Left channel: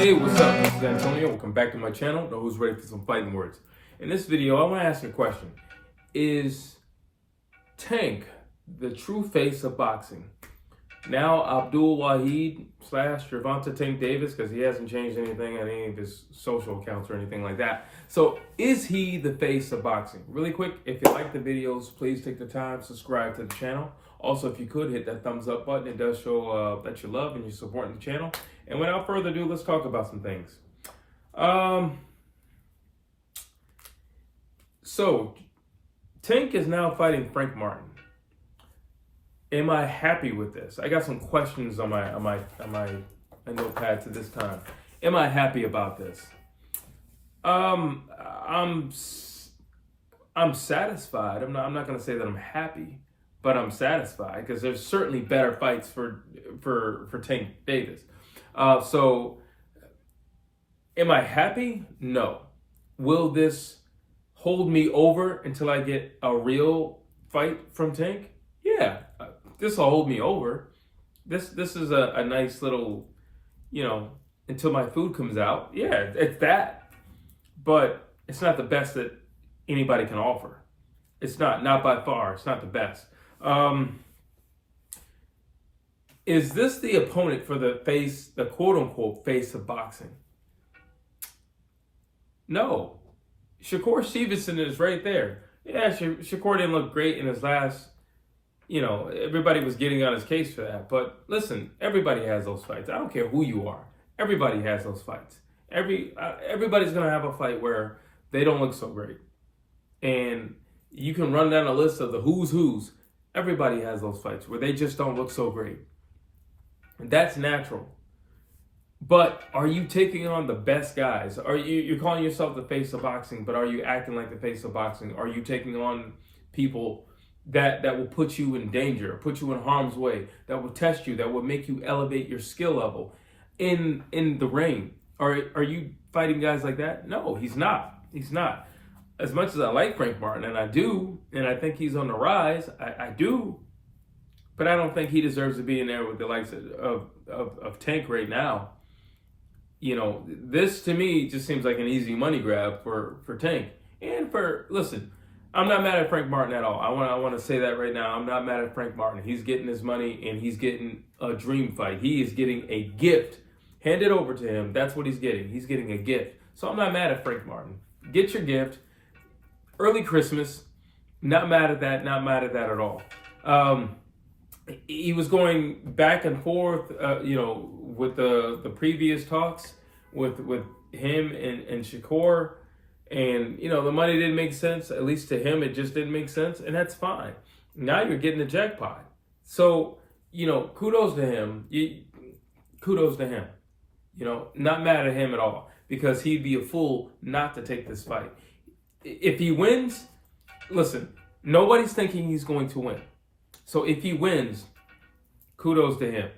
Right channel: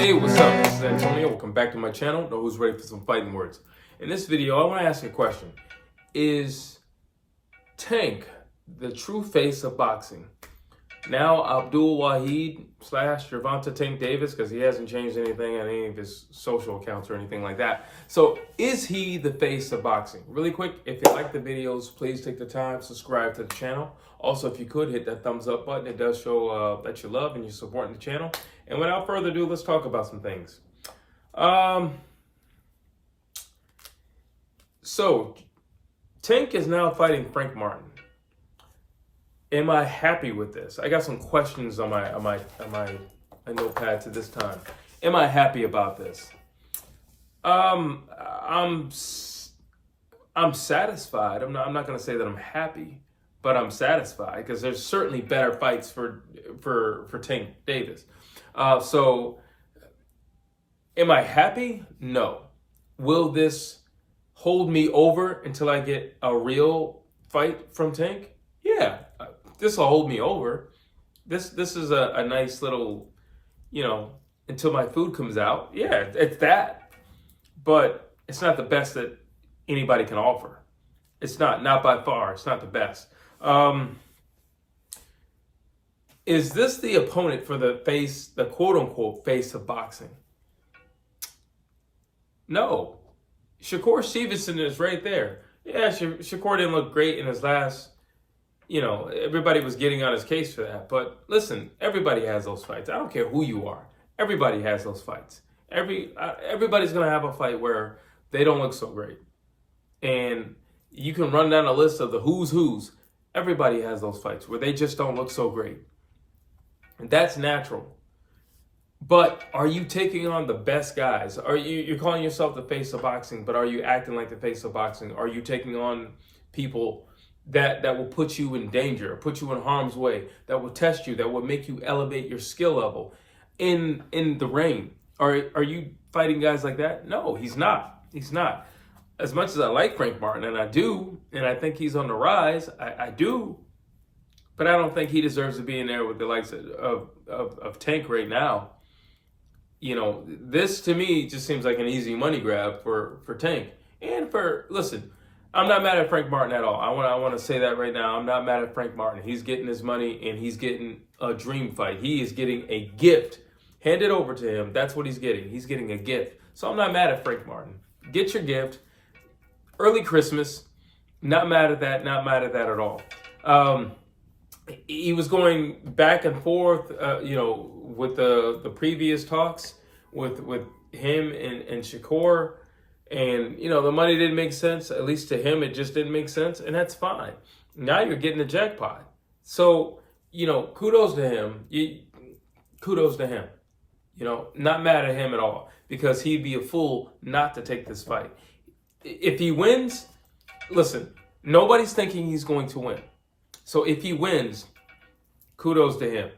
Hey, what's up? This is Antonio. Welcome back to my channel. Know who's ready for some fighting words. In this video, I want to ask you a question. Is Tank the true face of boxing? Now, Abdul Wahid / Gervonta Tank Davis, because he hasn't changed anything on any of his social accounts or anything like that. So, is he the face of boxing? Really quick, if you like the videos, please take the time, subscribe to the channel. Also, if you could, hit that thumbs up button. It does show that you love and you're supporting the channel. And without further ado, let's talk about some things. So, Tank is now fighting Frank Martin. Am I happy with this? I got some questions on my notepad to this time. Am I happy about this? I'm satisfied. I'm not going to say that I'm happy, but I'm satisfied because there's certainly better fights for Tank Davis. So, am I happy? No. Will this hold me over until I get a real fight from Tank? Yeah. This will hold me over. This is a nice little, until my food comes out. Yeah, it's that. But it's not the best that anybody can offer. It's not by far. It's not the best. Is this the opponent for the quote-unquote face of boxing? No. Shakur Stevenson is right there. Yeah, Shakur didn't look great in his last, everybody was getting on his case for that. But listen, everybody has those fights. I don't care who you are. Everybody has those fights. Everybody's going to have a fight where they don't look so great. And you can run down a list of the who's. Everybody has those fights where they just don't look so great. And that's natural. But are you taking on the best guys? You're calling yourself the face of boxing, but are you acting like the face of boxing? Are you taking on people that will put you in danger, put you in harm's way, that will test you, that will make you elevate your skill level in the ring? Are you fighting guys like that? No, he's not. He's not. As much as I like Frank Martin, and I do, and I think he's on the rise, I do, but I don't think he deserves to be in there with the likes of Tank right now. This to me just seems like an easy money grab for Tank. And listen, I'm not mad at Frank Martin at all. I want to say that right now. I'm not mad at Frank Martin. He's getting his money and he's getting a dream fight. He is getting a gift handed over to him. That's what he's getting. He's getting a gift. So I'm not mad at Frank Martin. Get your gift. Early Christmas. Not mad at that. Not mad at that at all. He was going back and forth, with the previous talks with him and Shakur, and the money didn't make sense. At least to him, it just didn't make sense, and that's fine. Now you're getting the jackpot, so kudos to him. Kudos to him. Not mad at him at all because he'd be a fool not to take this fight. If he wins, listen, nobody's thinking he's going to win. So if he wins, kudos to him,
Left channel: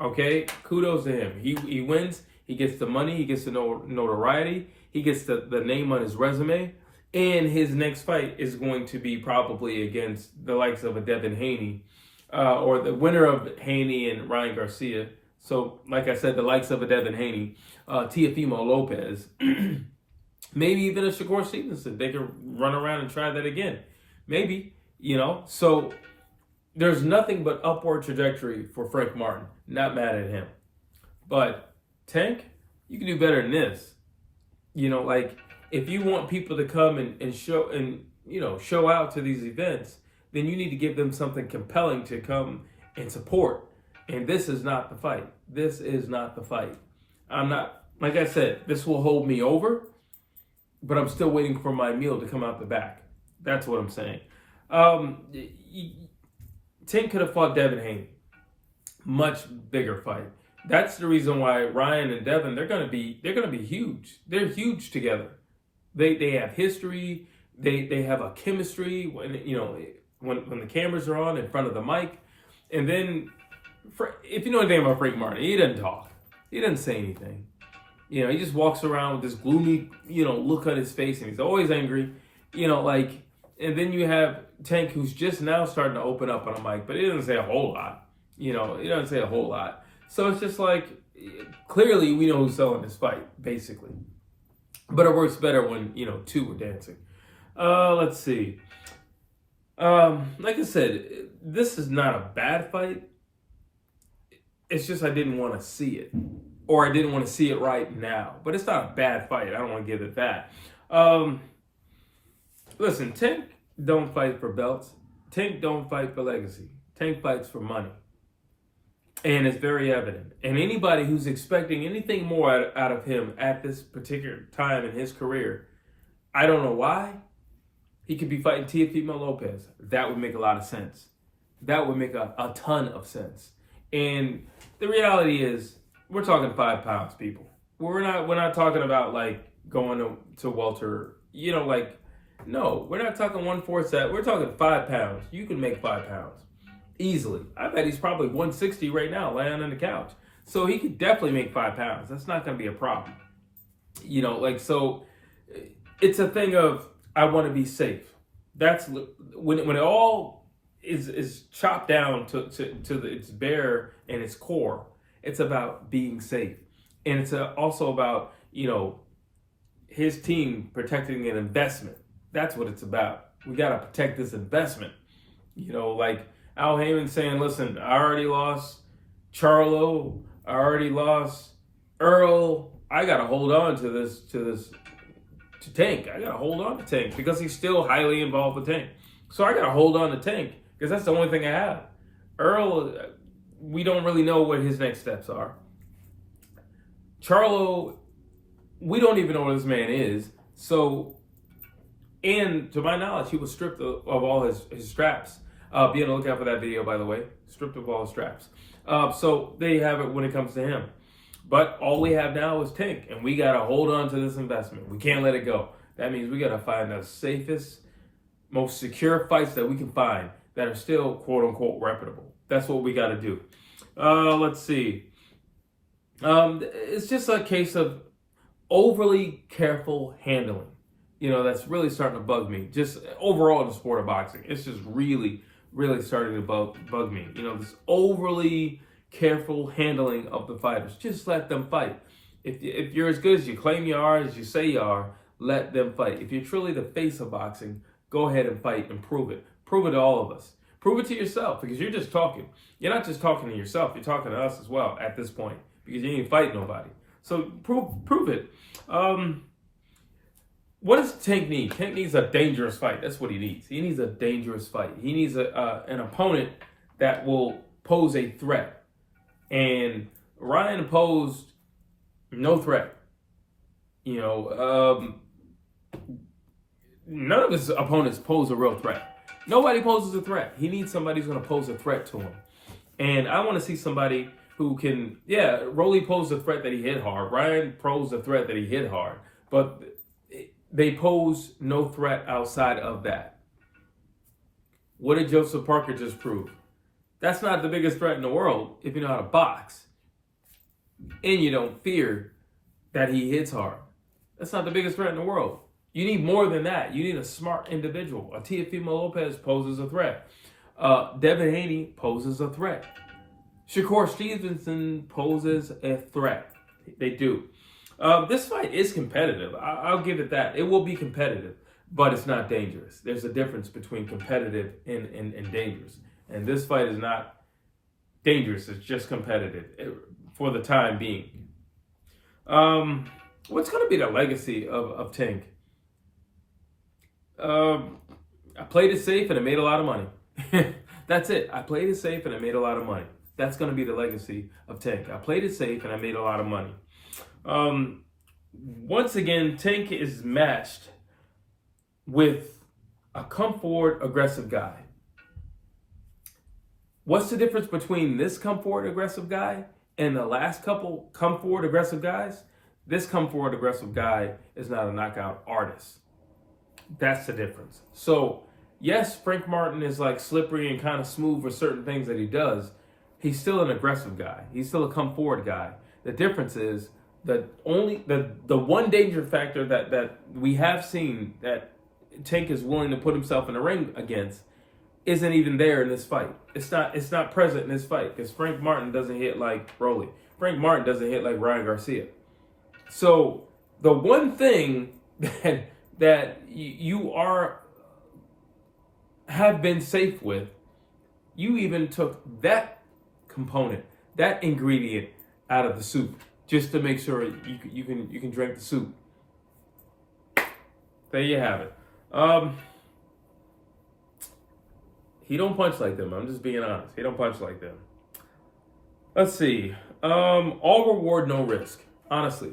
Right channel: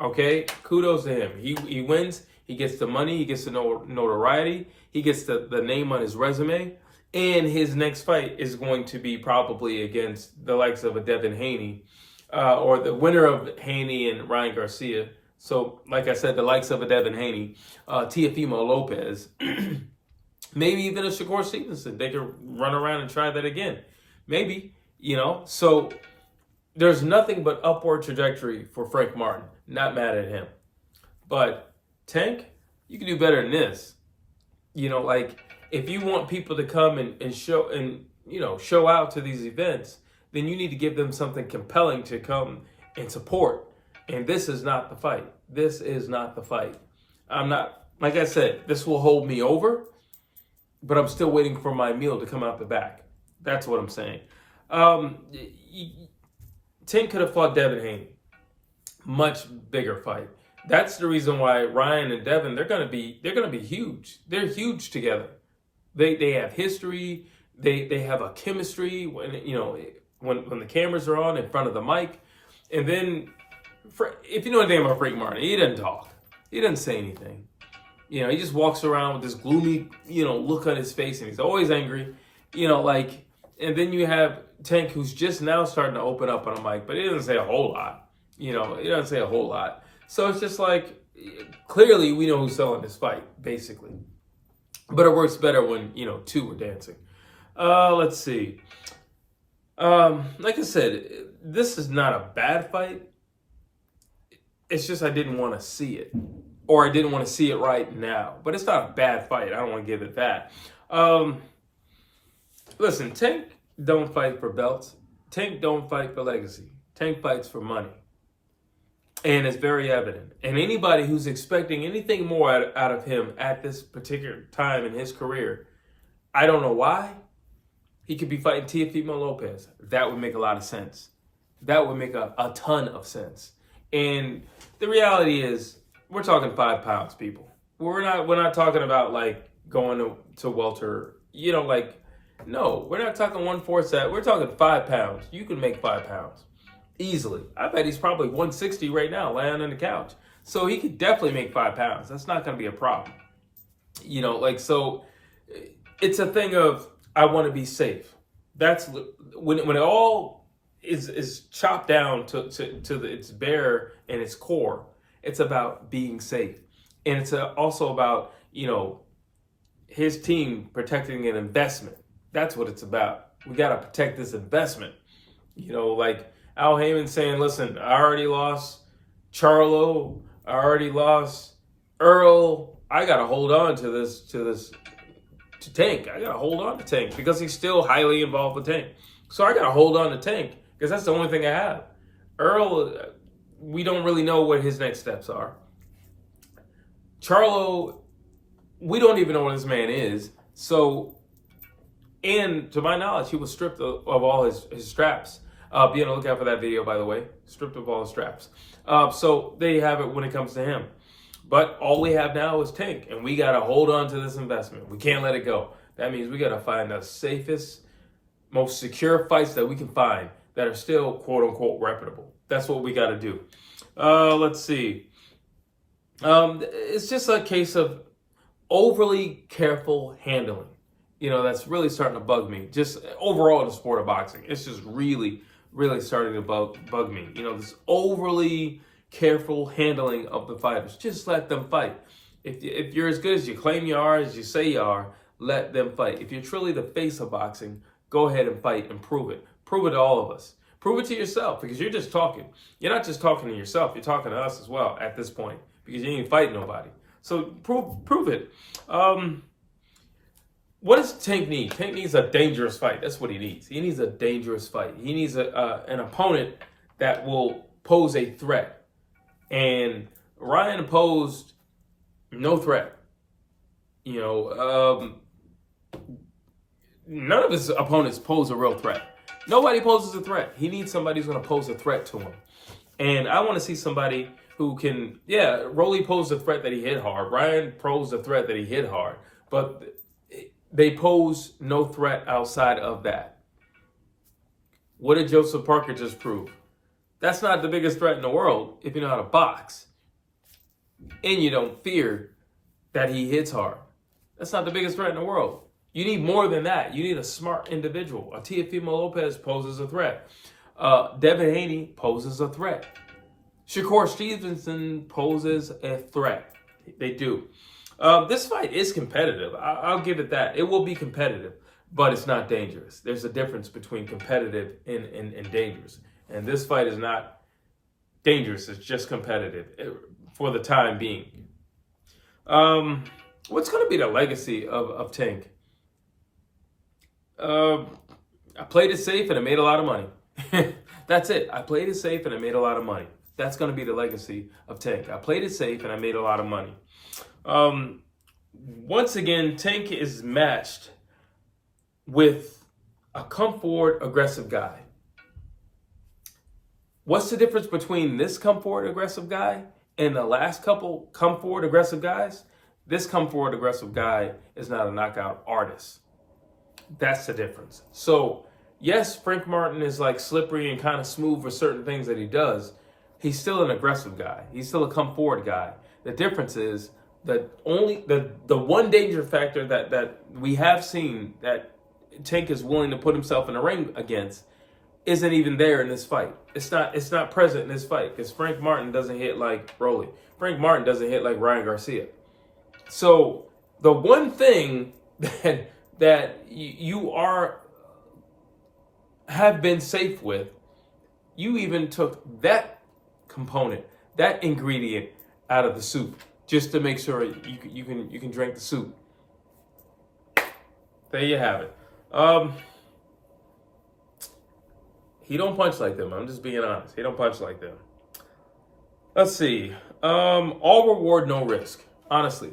okay? Kudos to him. He wins, he gets the money, he gets the notoriety, he gets the name on his resume, and his next fight is going to be probably against the likes of a Devin Haney, or the winner of Haney and Ryan Garcia. So, like I said, the likes of a Devin Haney, Teofimo Lopez, maybe even a Shakur Stevenson. They could run around and try that again. Maybe, so there's nothing but upward trajectory for Frank Martin. Not mad at him. But Tank, you can do better than this. If you want people to come and show out to these events, then you need to give them something compelling to come and support. And this is not the fight. This is not the fight. I'm not, like I said, this will hold me over, but I'm still waiting for my meal to come out the back. That's what I'm saying. Tank could have fought Devin Haney. Much bigger fight. That's the reason why Ryan and Devin, they're gonna be huge. They're huge together. They have history. They have a chemistry when the cameras are on in front of the mic. And then if you know anything about Frank Martin, he doesn't talk. He doesn't say anything. He just walks around with this gloomy, look on his face, and he's always angry. And then you have Tank, who's just now starting to open up on a mic, but he doesn't say a whole lot. He doesn't say a whole lot. So it's just like, clearly we know who's selling this fight, basically. But it works better when, two are dancing. Let's see. Like I said, this is not a bad fight. It's just I didn't want to see it. Or I didn't want to see it right now. But it's not a bad fight. I don't want to give it that. Listen, Tank don't fight for belts. Tank don't fight for legacy. Tank fights for money. And it's very evident. And anybody who's expecting anything more out of him at this particular time in his career, I don't know why. He could be fighting Teofimo Lopez. That would make a lot of sense. That would make a ton of sense. And the reality is, we're talking 5 pounds, people. We're not talking about like going to welter. No, we're not talking 1/4 We're talking 5 pounds. You can make 5 pounds easily. I bet he's probably 160 right now, laying on the couch. So he could definitely make 5 pounds. That's not going to be a problem. So it's a thing of, I want to be safe. That's when it all is chopped down to its bare and its core. It's about being safe, and it's also about his team protecting an investment. That's what it's about. We got to protect this investment. Like Al Heyman saying, "Listen, I already lost Charlo. I already lost Earl. I got to hold on to this." To Tank. I got to hold on to Tank because he's still highly involved with Tank. So I got to hold on to Tank because that's the only thing I have. Earl, we don't really know what his next steps are. Charlo, we don't even know what this man is. So, and to my knowledge, he was stripped of all his straps. Be on the lookout for that video, by the way. Stripped of all his straps. So there you have it when it comes to him. But all we have now is Tank, and we got to hold on to this investment. We can't let it go. That means we got to find the safest, most secure fights that we can find that are still, quote-unquote, reputable. That's what we got to do. Let's see. It's just a case of overly careful handling. That's really starting to bug me. Just overall in the sport of boxing. It's just really, really starting to bug me. This overly careful handling of the fighters. Just let them fight. If you're as good as you claim you are, as you say you are, let them fight. If you're truly the face of boxing, go ahead and fight and prove it. Prove it to all of us. Prove it to yourself, because you're just talking. You're not just talking to yourself. You're talking to us as well at this point, because you ain't fighting nobody. So prove it. What does Tank need? Tank needs a dangerous fight. That's what he needs. He needs a dangerous fight. He needs an opponent that will pose a threat. And Ryan posed no threat. None of his opponents pose a real threat. Nobody poses a threat. He needs somebody who's going to pose a threat to him. And I want to see somebody who can, Rolly posed a threat that he hit hard. Ryan posed a threat that he hit hard. But they pose no threat outside of that. What did Joseph Parker just prove? That's not the biggest threat in the world if you know how to box. And you don't fear that he hits hard. That's not the biggest threat in the world. You need more than that. You need a smart individual. A Teofimo Lopez poses a threat. Devin Haney poses a threat. Shakur Stevenson poses a threat. They do. This fight is competitive. I'll give it that. It will be competitive, but it's not dangerous. There's a difference between competitive and dangerous. And this fight is not dangerous. It's just competitive for the time being. What's going to be the legacy of Tank? I played it safe and I made a lot of money. That's it. I played it safe and I made a lot of money. That's going to be the legacy of Tank. I played it safe and I made a lot of money. Once again, Tank is matched with a come forward, aggressive guy. What's the difference between this come forward, aggressive guy and the last couple come forward, aggressive guys? This come forward, aggressive guy is not a knockout artist. That's the difference. So, yes, Frank Martin is like slippery and kind of smooth for certain things that he does. He's still an aggressive guy. He's still a come forward guy. The difference is that only the one danger factor that we have seen that Tank is willing to put himself in the ring against isn't even there in this fight. It's not present in this fight because Frank Martin doesn't hit like Rolly. Frank Martin doesn't hit like Ryan Garcia. So the one thing that you have been safe with, you even took that component, that ingredient out of the soup just to make sure you can drink the soup. There you have it. He don't punch like them. I'm just being honest. He don't punch like them. Let's see. All reward, no risk. Honestly,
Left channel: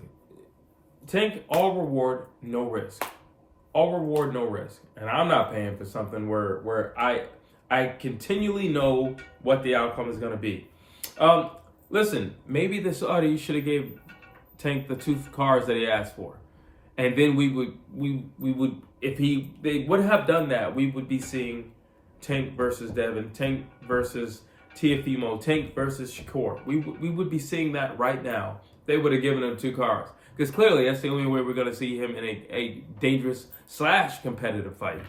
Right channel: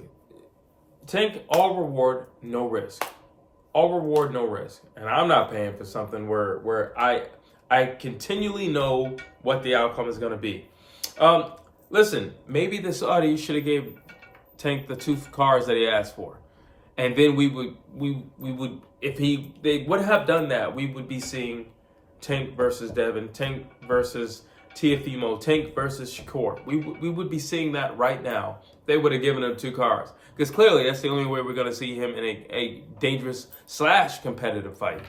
Tank, all reward, no risk. All reward, no risk. And I'm not paying for something where I continually know what the outcome is going to be. Listen, maybe the Saudis should have gave Tank the 2 cars that he asked for, and then we would if they would have done that, we would be seeing Tank versus Devin, Tank versus Tiafimo, Tank versus Shakur. We would be seeing that right now. They would have given him 2 cars, because clearly that's the only way we're going to see him in a dangerous / competitive fight.